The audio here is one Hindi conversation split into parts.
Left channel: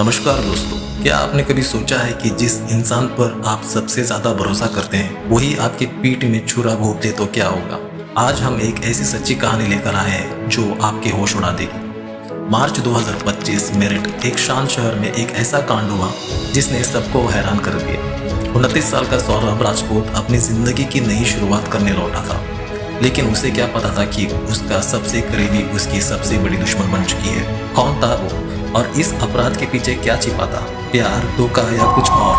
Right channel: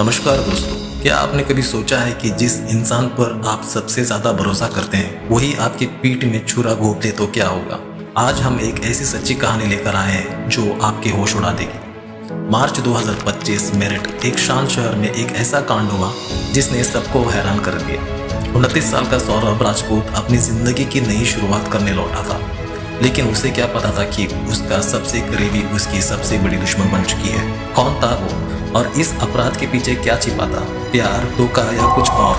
नमस्कार दोस्तों, क्या आपने कभी सोचा है कि जिस इंसान पर आप सबसे ज्यादा भरोसा करते हैं वही आपकी पीठ में छुरा घोंप दे तो क्या होगा। आज हम एक ऐसी सच्ची कहानी लेकर आए हैं जो आपके होश उड़ा देगी। मार्च 2025 मेरठ एक शांत शहर में एक ऐसा कांड हुआ जिसने सबको हैरान कर दिया। 29 साल का सौरभ राजपूत अपनी जिंदगी की नई शुरुआत करने लौटा था, लेकिन उसे क्या पता था कि उसका सबसे करीबी उसकी सबसे बड़ी दुश्मन बन चुकी है। कौन था वो और इस अपराध के पीछे क्या छिपा था? प्यार, धोखा या कुछ और,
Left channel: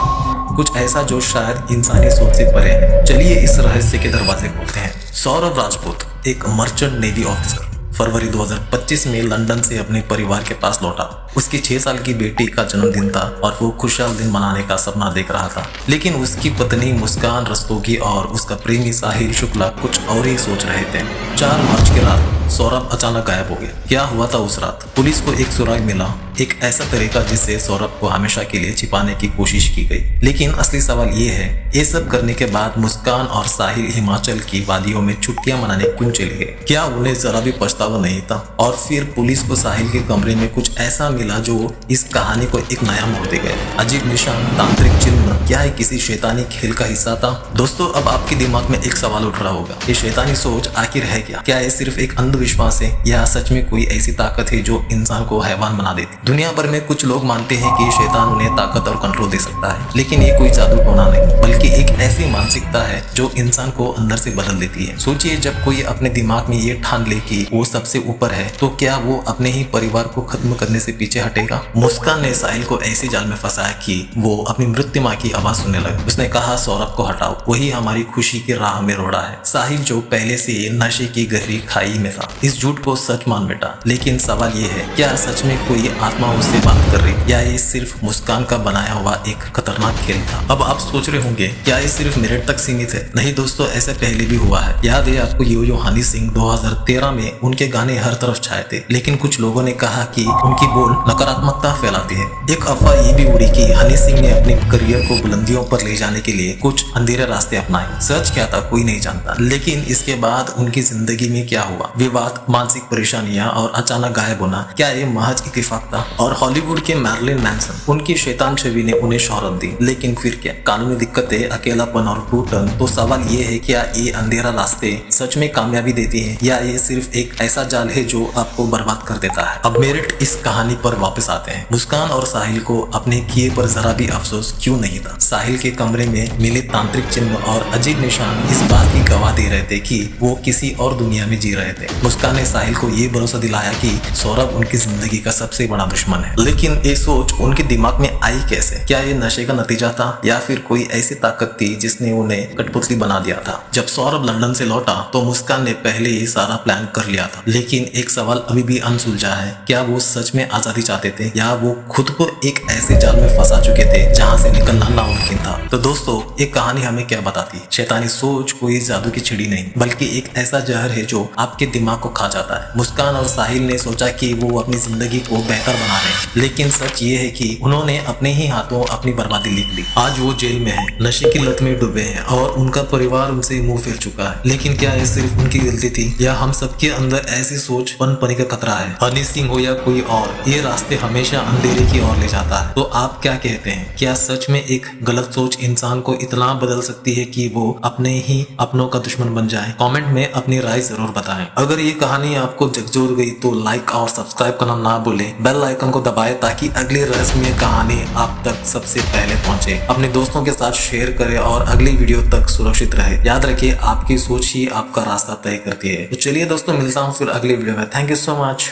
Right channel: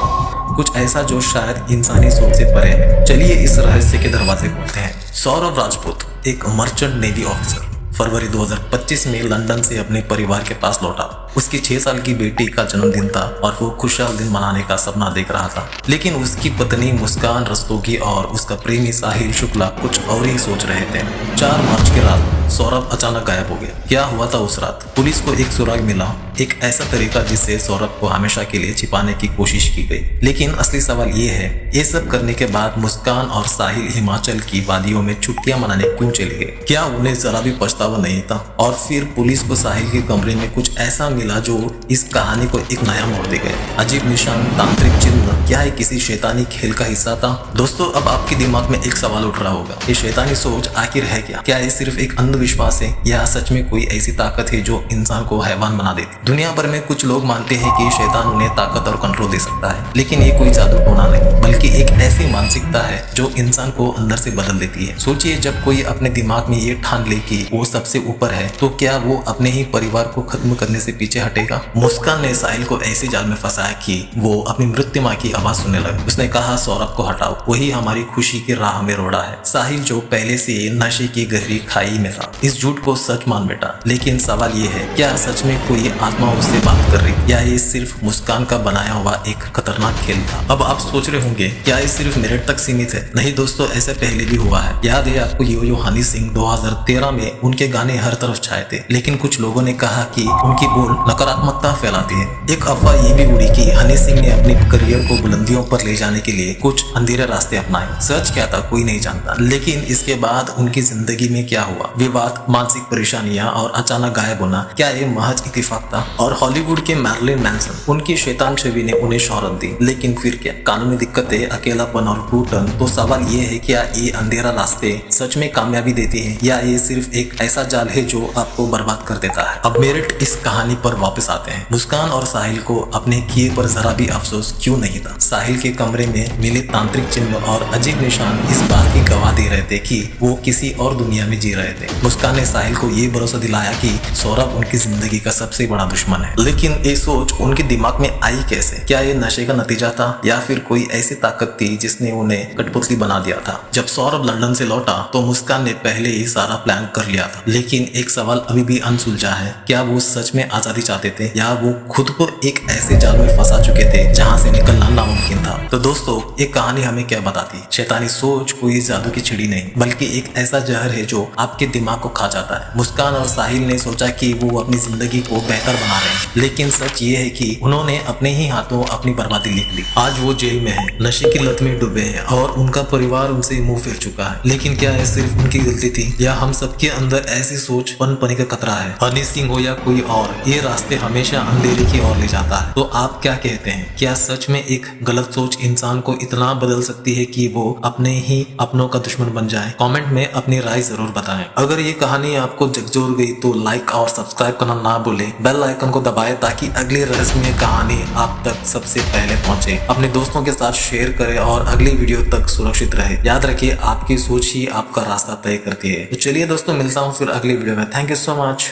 कुछ ऐसा जो शायद इंसानी सोच से परे है। चलिए इस रहस्य के दरवाजे खोलते हैं। सौरभ राजपूत एक मर्चेंट नेवी ऑफिसर फरवरी 2025 में लंदन से अपने परिवार के पास लौटा। उसकी 6 साल की बेटी का जन्मदिन था और वो खुशहाल दिन मनाने का सपना देख रहा था, लेकिन उसकी पत्नी मुस्कान रस्तोगी और उसका प्रेमी साहिल शुक्ला कुछ और ही सोच रहे थे। 4 मार्च की रात सौरभ अचानक गायब हो गया। क्या हुआ था उस रात? पुलिस को एक सुराग मिला, एक ऐसा तरीका जिससे सौरभ को हमेशा के लिए छिपाने की कोशिश की गई। लेकिन असली सवाल ये है, ये सब करने के बाद मुस्कान और साहिल हिमाचल की वादियों में छुट्टियां मनाने क्यों चले गए? क्या उन्हें जरा भी पछतावा नहीं था? और फिर पुलिस को साहिल के कमरे में कुछ ऐसा मिला जो इस कहानी को एक नया मोड़ दे गया। अजीब निशान, तांत्रिक चिन्ह, क्या ये किसी शैतानी खेल का हिस्सा था? दोस्तों, अब आपके दिमाग में एक सवाल उठ रहा होगा, ये शैतानी सोच आखिर है क्या? क्या ये सिर्फ एक अंधविश्वास है या सच में कोई ऐसी ताकत है जो इंसान को हैवान बना देती? दुनिया भर में कुछ लोग मानते हैं कि शैतान उन्हें ताकत और कंट्रोल दे सकता है, लेकिन ये कोई जादू टोना नहीं, बल्कि एक ऐसी मानसिकता है जो इंसान को अंदर से बदल देती है। सोचिए, जब कोई अपने दिमाग में ये ठान ले कि वो सबसे ऊपर है, तो क्या वो अपने ही परिवार को खत्म करने से पीछे हटेगा? मुस्कान ने साहिल को ऐसे जाल में फंसाया कि वो अपनी मृत्यु माँ की आवाज सुनने लगा। उसने कहा, सौरभ को हटाओ, वही हमारी खुशी की राह में रोड़ा है। साहिल जो पहले से नशे की गहरी खाई में था, इस झूठ को सच मान बैठा। लेकिन सवाल ये है, क्या सच में कोई आत्मा उससे बात कर रही, या ये सिर्फ मुस्कान का बनाया हुआ एक खतरनाक खेल था? अब आप सोच रहे होंगे, क्या ये सिर्फ मेरठ तक सीमित है? नहीं दोस्तों, ऐसे पहले भी हुआ है। याद है आपको, यो हनी सिंह 2013 में उनके गाने हर तरफ छाए थे, लेकिन कुछ लोगों ने कहा कि उनकी बोल नकारात्मकता फैलाती है। एक अफवाह ये भी उड़ी कि हनी सिंह ने अपने करियर को बुलंदियों पर ले जाने के लिए कुछ अंधेरे रास्ते अपनाए। सच क्या था कोई नहीं जानता, लेकिन इसके बाद उनकी जिंदगी में क्या हुआ, विवाद, मानसिक परेशानियां और अचानक गायब होना, क्या ये महज इत्तेफाक था? और हॉलीवुड के मैरिलिन मैनसन, उनकी शैतान छवि ने उन्हें शोहरत दी, लेकिन फिर क्या? कानूनी दिक्कतें, अकेलापन और घुटन। तो सवाल ये है, क्या ये अंधेरा रास्ते सच में कामयाबी देती है, या ये सिर्फ एक ऐसा जाल है जो आपको बर्बाद कर देता है? अब मेरठ इस कहानी पर वापस आते हैं। मुस्कान और साहिल को अपने किए पर जरा भी अफसोस क्यों नहीं था? साहिल के कमरे में मिले तांत्रिक चिन्ह और अजीब निशान इस बात की गवाह दे रहे थे कि वो किसी और दुनिया में जी रहे थे। मुस्कान ने साहिल को ये भरोसा दिलाया कि सौरभ उनकी जिंदगी का सबसे बड़ा दुश्मन है। लेकिन ये सोच उनके दिमाग में आई कैसे? क्या ये नशे का नतीजा था, या फिर कोई ऐसी ताकत थी जिसने उन्हें कठपुतली बना दिया था? जब सौरभ लंदन से लौटा तो मुस्कान ने पहले ही सारा प्लान कर लिया था, लेकिन एक सवाल अभी भी अनसुलझा है, क्या वो सच में आजादी चाहते थे, या वो खुद को एक ऐसे जाल में फंसा चुके थे जहां से निकलना नामुमकिन था? तो दोस्तों, एक कहानी हमें क्या बताती है? शैतानी सोच कोई जादू की छिड़ी नहीं, बल्कि एक ऐसा जहर है जो आपके दिमाग को खा जाता है। मुस्कान और साहिल ने सोचा कि वो अपनी जिंदगी को बेहतर बना रहे हैं, लेकिन सच ये है कि उन्होंने अपने ही हाथों अपनी बर्बादी लिख ली। आज वो जेल में है, नशे की लत में डूबे हैं और उनका परिवार उनसे मुंह फेर चुका है। लेकिन क्या ये सिर्फ उनकी गलती थी, या हम सबके अंदर ऐसी सोच पनपने का खतरा है? हनी सिंह हो या कोई और, ये रास्ते हमेशा अंधेरे की ओर ले जाता है। तो आप क्या कहते हैं? क्या सच में एक गलत सोच इंसान को इतना बदल सकती है कि वो अपने ही अपनों का दुश्मन बन जाए? कमेंट में अपनी राय जरूर बताएं। अगर ये कहानी आपको झकझोर गई तो लाइक और सब्सक्राइब करना ना भूलें। बेल आइकन को दबाएं ताकि अगली रहस्यमय कहानी आप तक सबसे पहले पहुंचे। अपने दोस्तों के साथ शेयर करें और अगली वीडियो तक सुरक्षित रहे। याद रखिए, आपकी सोच ही आपका रास्ता तय करती है। तो चलिए दोस्तों, मिलता हूँ फिर अगली वीडियो में। Thank you so much.